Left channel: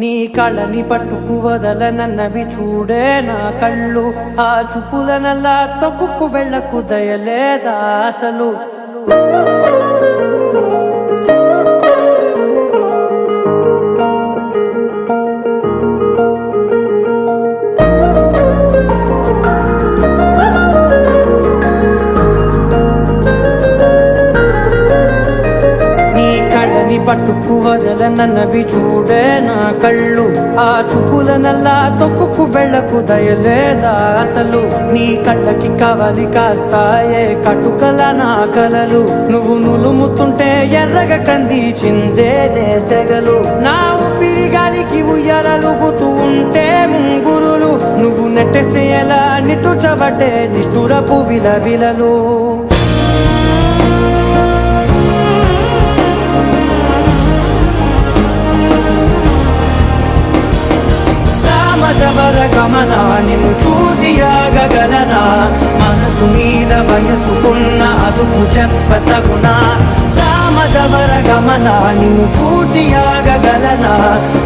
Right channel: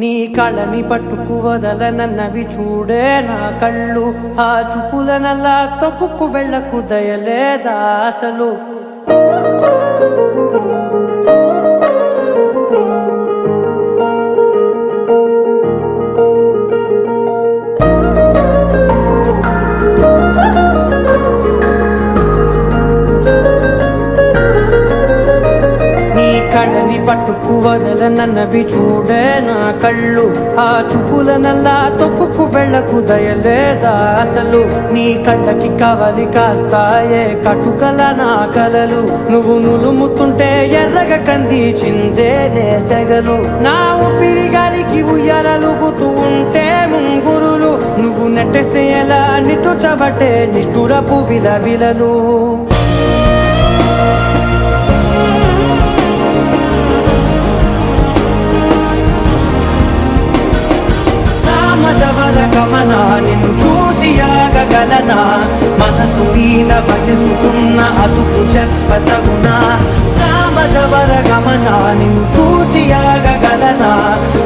నీ కళ్ళని పట్టుకు వదలనన్నవి చూడే నా కళ్ళు. ఆ చూపులనల్లా తొక్కుకు వెళ్ళకు దయలేదా అసలు. కళ్ళని పట్టుకు వదలనన్నవి చూడే నా కళ్ళు. ఆ చూపులనల్లా తొక్కుకు వెళ్ళకు దయలేదా అసలు. నీ కళ్ళకి కవలి కాస్తాయే కటుకల నా కలలు. నువ్వు నులుముతుంటే ఎర్రగ కందిచిందే నేసెగలు. నా ఊపిరి గాలికి ఉయ్యాలలుగుతూ ఉంటే ముంగురులు. నువ్వు నెట్టేస్తే ఎలా నిట్టుచబట్టే నిష్ఠురపు విలవిలలు. గమనా నిన్ను చూసి ఆగగలనా. మనసు మీద వయసుకున్న అదుపు చెప్పతగునా. సామజవర గమనా నిన్ను చూసి ఆగగలనా.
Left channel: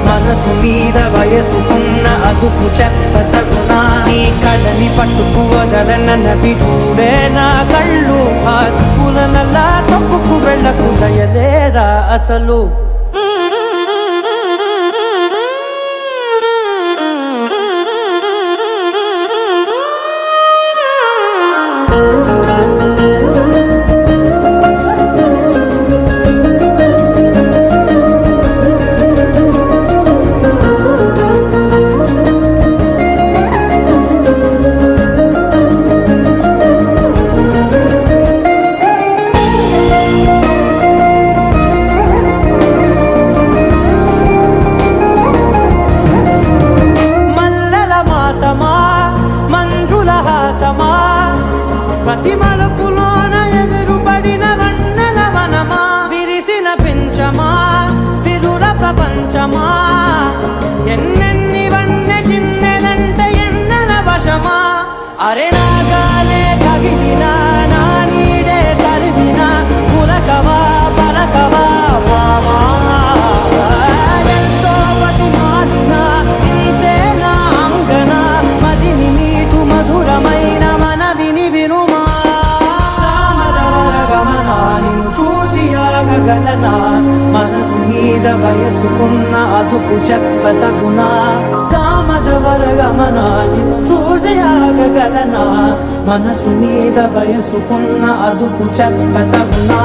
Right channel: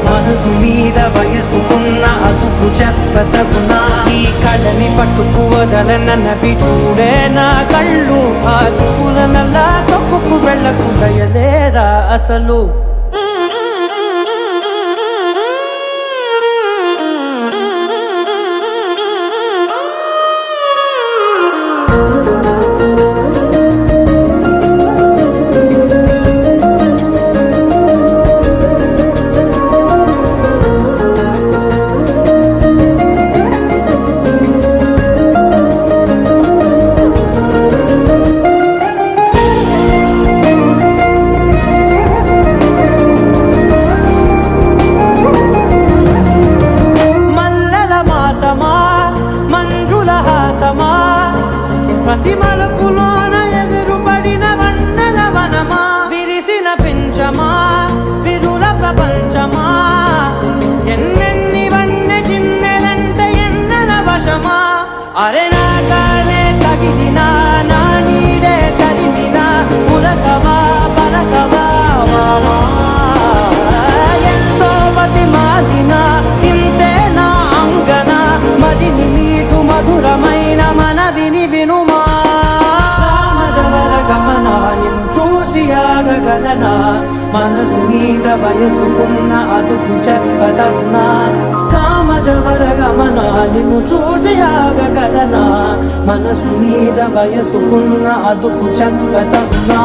మనసు మీద వయసుకున్న అదుపు చెప్పతగునా. నీ కళ్ళని పట్టుకు వదలనన్నవి చూడే నా కళ్ళు. ఆ చూపులనల్లా తొక్కుకు వెళ్ళకు దయలేరా అసలు. మంజుల హాసమా ప్రతి మలుపులోన ఎదురుపడిన వన్నెల వనమా. విరిసిన పించమా విరుల ప్రపంచమా. ఎన్నెన్ని వన్నె చిన్నెలంటే ఎన్నెల వశమా. అరే నాగాలే తగిలినా నా నీడే తరిమినా. పులకవా పలకవా వామా. ఎంతో మది మాదినా ఇంతేనా అంగన. మదిని నీటు మధురమైన మనవిని వినుమా. సామజవర గమనా నిన్ను చూసి ఆగగలనా. మనసు మీద వయసుకున్న అదుపు చెప్పదగునా. సామజవర గమనా నిన్ను చూసి ఆగగలనా. మనసు మీద వయసుకున్న అదుపు చెప్పదగునా.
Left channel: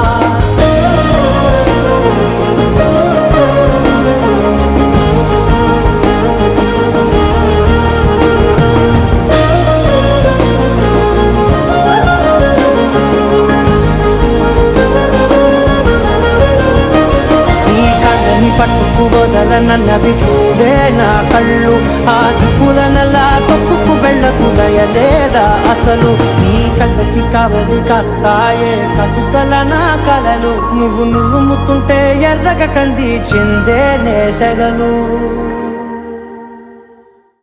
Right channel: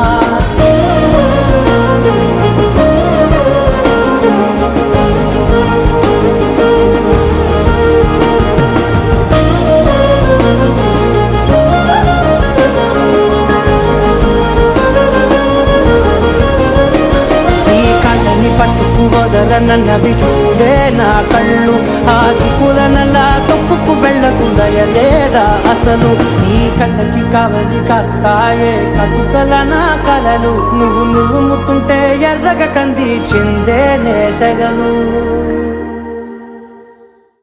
పట్టుకు వదలనన్నవి చూడే నా కళ్ళు. ఆ చూపులనల్లా తొక్కుకు వెళ్ళకు దయలేదా అసలు. నీ కళ్ళకి కవలి కాస్తాయే కటుకల నా కలలు. నువ్వు నులుముతుంటే ఎర్రగ కందిచిందే నేసెగలు.